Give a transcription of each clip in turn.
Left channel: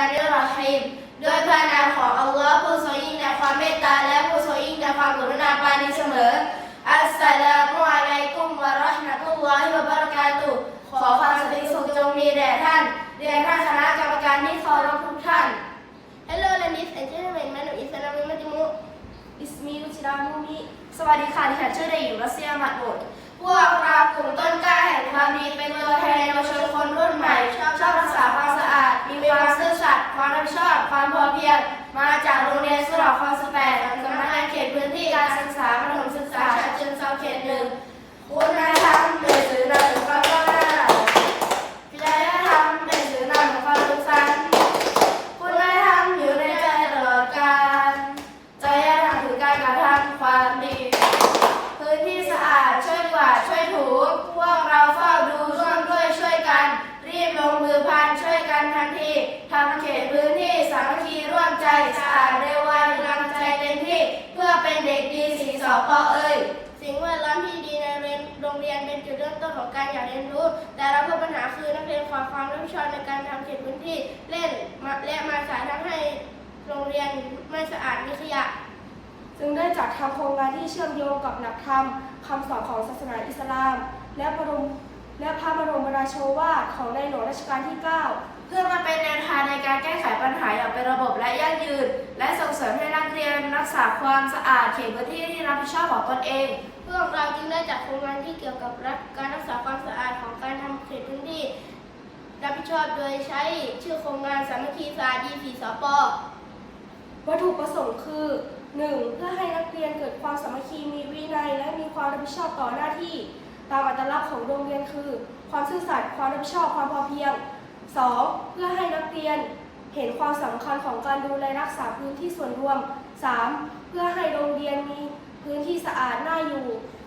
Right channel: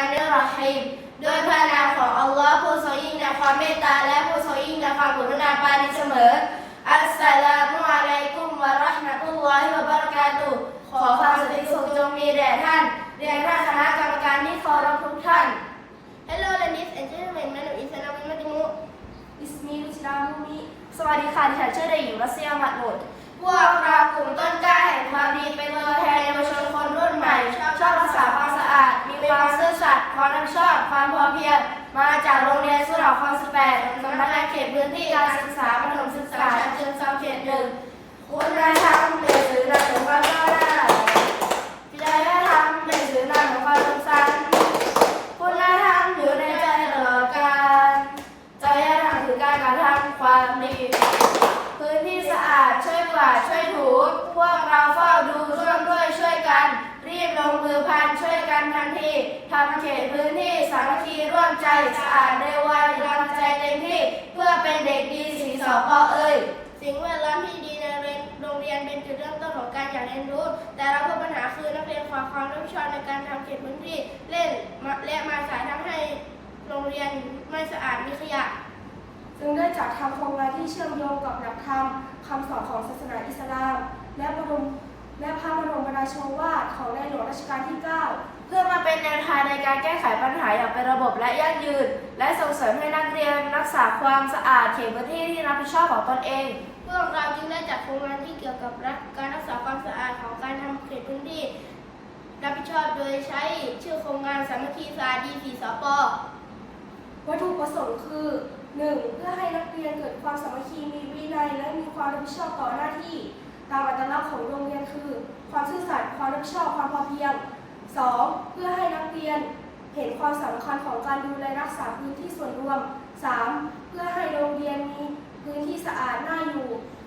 านเรรฮิมด้วยพระนามของอัลลอฮ์ผู้ทรงยิ่งในความเมตตาและผู้ทรงยิ่งในความกรุณาปานีเสมอ อัสสลามุอะลัยกุมวะเราะห์มะตุลลอฮิวะบะเราะกาตุขอความสันติสุขจงมีแด่ท่านเรียนท่านคณะกรรมการที่เคารพทุกท่าน Hello ladies and gentlemen มนุษย์อิสลามิมัติมุอิสมีอุชรามุมิสวัสดีค่ะดิฉันชื่อเด็กหญิงรัสเซียมาโดด พวกเรากลุ่มต้นกล้าแห่งความดีเป็นตัวแทนเยาวชนคนรุ่นใหม่ ชอบรักษาความสะอาด มีความซื่อสัตย์ความรับผิดชอบ ความพอเพียงมาจากโรงเรียนสุเหร่าคลองสิบแปดสำนักงานเขตพื้นที่การศึกษาประถมศึกษาฉะเชิงเทราเขตหนึ่งคุณธรรมเป็นสื่อนำถึงความก้าวหน้าจริยธรรมเป็นสื่อนำถึงความสุขสันต์คุณธรรมอยู่ในใจตลอดกาล จริยธรรมคือการกระทำความดี พื้นที่สะ อาดช่วยถูพวกเราเฝ้าดูร่วมด้วยช่วยกัน รีบลงมือพันช่วยกันทันทีทำเขตพื้นที่สามัคคีร่วมใจสะอาดเร็วไวกำลังใจเต็มที่ เพื่อเป็นเด็กดีสีสอปอเอ้ยสิ่งแวดล้อมที่ดีในโรงเรียนเป็นจุดเริ่มต้นของการอยากเรียนรู้ แต่เราพบปัญหาคือนักเรียนขาดความรับผิดชอบในการทำเขตพื้นที่เล่นและมาสายทำให้โรงเรียนไม่สะอาดมีขยะ จึงได้จัดทำโครงงานที่เชื่อมโยงกับหลักธรรมคำสอนของศาสนาอิสลาม และบรมและพระบรมราโชวาทของในหลวงรัชกาลที่ 9 เพื่อมาเป็นแนวทางในการแก้ไขปัญหาอย่างเป็นระบบและยั่งยืน และส่งเสริมให้นักเรียนรักษาความสะอาดเขตพื้นที่ที่รับผิดชอบของตนเอง พวกเราจึงได้จัดโครงงานที่เกี่ยวกับรักการรักษาความสะอาดของการทำเขตพื้นที่ รับผิดชอบโดยใช้ชื่อโครงงานสามัคคีสะอาดดีสีสปวัตถุประสงค์คือ 1. เพื่อให้นักเรียนเกิดความสามัคคีมีวินัย และมีความรับผิดชอบต่อหน้าที่ ตามอัตลักษณ์ของโรงเรียนคือ ความซื่อสัตย์ความรับผิดชอบความพอเพียง 2. เพื่อให้นักเรียนเห็นความสำคัญของการดูแลรักษาพื้นที่ส่วนรวม 3. เพื่อให้โรงเรียนมีพื้นที่สะอาดน่าอยู่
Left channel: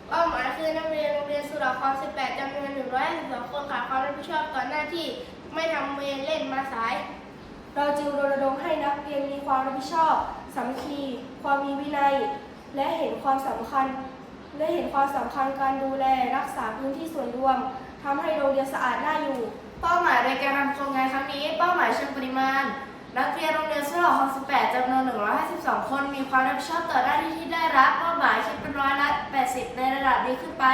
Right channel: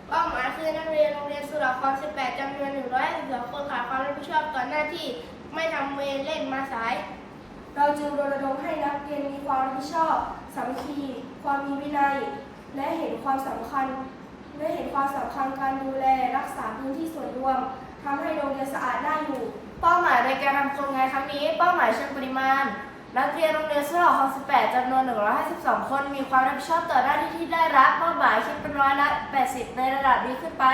เป้าหมายคือนักเรียนโรงเรียนสุราคร18จำนวน152คนขาดความรับผิดชอบต่อหน้าที่ไม่ทำเวรเล่นมาสาย เราจึงรณรงค์ให้นักเรียนมีความรับผิดชอบ สามัคคี ความมีวินัย และเห็นความสำคัญ และเห็นความสำคัญการดูแลรักษาพื้นที่ส่วนรวมทำให้โรงเรียนสะอาดน่าอยู่ เป้าหมายในการทำโครงงานครั้งนี้ เป้าหมายเชิงปริมาณ นักเรียนโรงเรียนสุเหร่าคลอง18จำนวน 152 คน มีความรับผิดชอบต่อหน้าที่ที่ได้รับเป้าหมายคิดเป็นร้อยละ 80 ในระดับนี้ขึ้นไป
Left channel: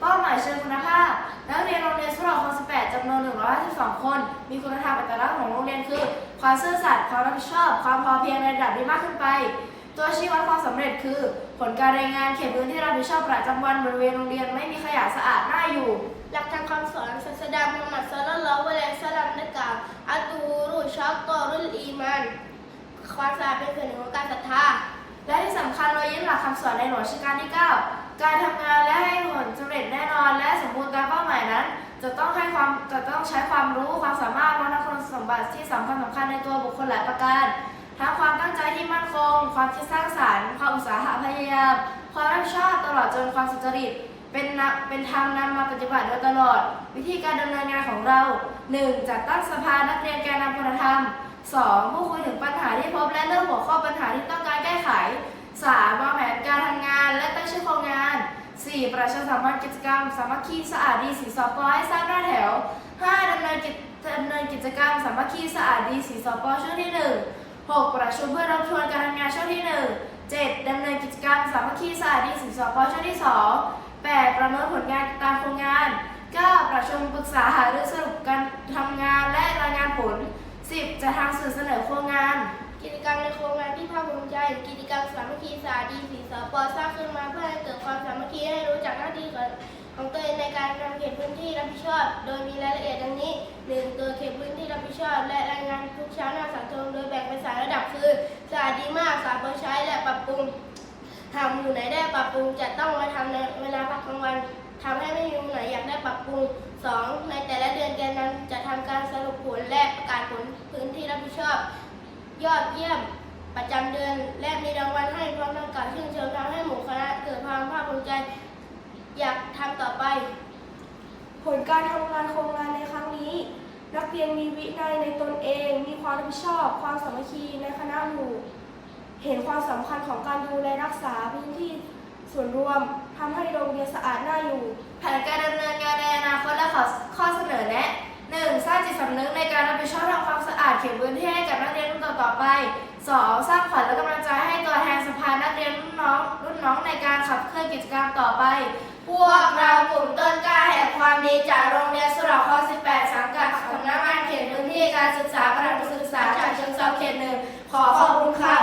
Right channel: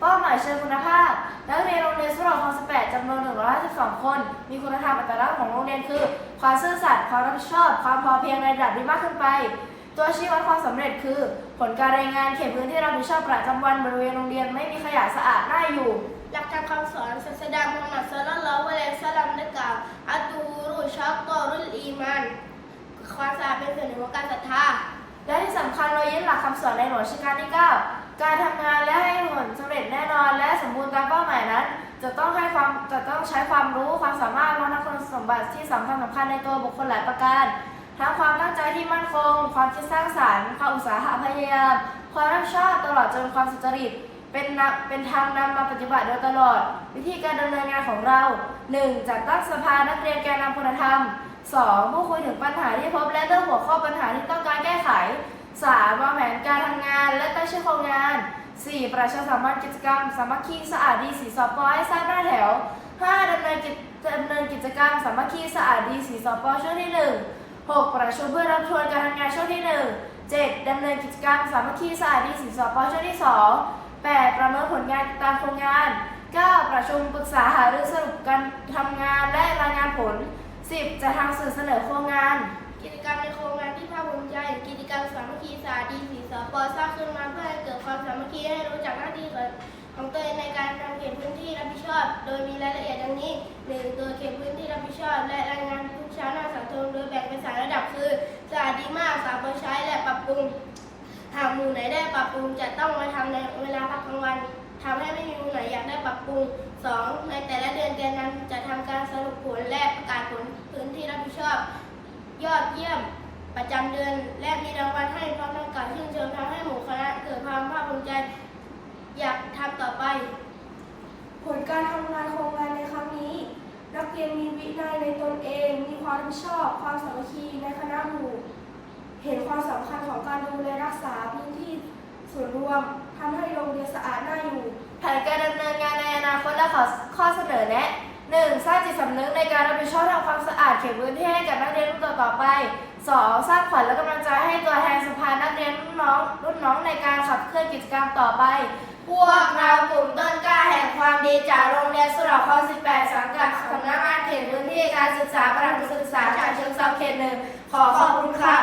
เป้าหมายเชิงคุณภาพ นักเรียนโรงเรียนสุเหร่าคลอง18จำนวน 152 คน มีคุณธรรมอัตลักษณ์ของโรงเรียนคือ ความซื่อสัตย์ความรับผิดชอบ ความพอเพียงในระดับนี้มากขึ้นไป ตัวชี้วัดความสำเร็จคือ ผลการรายงานเขตพื้นที่รับผิดชอบประจำวันบริเวณโรงเรียนไม่มีขยะสะอาดน่าอยู่ หลักธรรมคำสอนศาสดามุฮัมมัดศ็อลลัลลอฮุอะลัยฮิวะซัลลัมได้กล่าวอัตูรุชักตอรุลอีมานความสะอาดเป็นส่วนหนึ่งของการศรัทธาและที่สำคัญเรายึดหลักคำสอนในหลวงรัชกาลที่ 9 การทำงานและให้ผลสำเร็จแน่นอน และสมบูรณ์ตามเป้าหมายนั้น จะต้องให้ความจะต้องใช้ความรู้ความสามารถและคุณสมบัติที่สำคัญสำคัญในตัวบุคคลหลายประการ ทั้งความตั้งใจที่มั่นคง ความคิดสร้างสรรค์ ความอุตสาหะพยายาม ความรับผิดชอบตลอดจนความสุจริต เป็นนำเป็นธรรมนำมาปฏิบัติโดยตลอด วิธีการดำเนินงานของเรา 1. จัดตั้งสภานักเรียนแกนนำคุณธรรม 2. ผู้คุยถึงปัญหาที่พบและเรื่องหัวข้อปัญหาที่ต้องการแก้ไข 3. วางแผนการทำงาน และตั้งชื่อโครงงาน 4. ประชาสัมพันธ์กิจกรรม สามัคคีสะอาดดีสีสปอให้ทราบหน้าแถว 5. ดำเนินกิจดำเนินกิจกรรม สามัคคีสะอาดดีสีสปอช่วงที่ 1 6. ประชุมเพื่อรับทวนการทำงานช่วงที่ 1 7. ดำเนินกิจกรรมสามัคคีสะอาดดีสีสปอช่วงที่ 2 8. ประเมินผลงานตามโครงงาน 9. ประชุมปรึกษาหารือสรุปการทำงานและรายงานผล 10. จะทางสื่อเสนอโครงงาน กิจกรรมในโครงงานที่ภาคภูมิใจ กิจกรรมสามัคคีสาดีสีสปสร้างขึ้นมาเพื่อให้เกิดความสามัคคีให้รู้จักหน้าที่ของของตัวเองในการทำเขตพื้นที่รับผิดชอบ โดยมีรายละเอียดดังนี้ 1. ตัวเขตพื้นที่รับผิดชอบ และรายงานทุกเช้าหน้าสังคมโดยแบ่งเป็นสายระดับคือสะอาดดีมากสาบใช้และปรับปรุงหากหมู่ไหนได้ปรับปรุงจะต้องมาทำในเวลาพักกลางวันทำให้ไม่มีหมู่ไหนอยากได้ปรับปรุง 2. ในแต่ละเดือนแกนนำจะทำการสรุปผลและประกาศผลพื้นที่รับผิดชอบ ยอดเยี่ยมประจำเดือนและมีรางวัลให้พร้อมทั้งการชื่นชมทำให้หมู่คณะเกิดความภาคภูมิใจอยากทำต่อไป ผลการทำงานโครงงานในครั้งนี้ นักเรียนมีวินัยในตนเอง มีความรับผิดชอบ ความสามัคคีในคณะหมู่ เห็นความสำคัญของการดูแลรักษาพื้นที่ส่วนรวมทำให้โรงเรียนสะอาดน่าอยู่ แผนการดำเนินงานในอนาคตและขอข้อเสนอแนะ 1. สร้างจิตสำนึกในการรับผิดชอบทำความสะอาดเขตพื้นที่ให้กับนักเรียนรุ่นต่อๆไป 2. สร้างขวัญและกำลังใจให้ตัวแทนสภานักเรียนรุ่นน้อง รุ่นน้องในการขับเคลื่อนกิจกรรมต่อไป พวกเรากลุ่มต้นกล้าแห่งความดีจากโรงเรียนสุรคลอ18 สังกัดสำนักงานเขตพื้นที่การศึกษาประถมศึกษาฉะเชิงเทราเขตหนึ่งขอขอบคุณค่ะ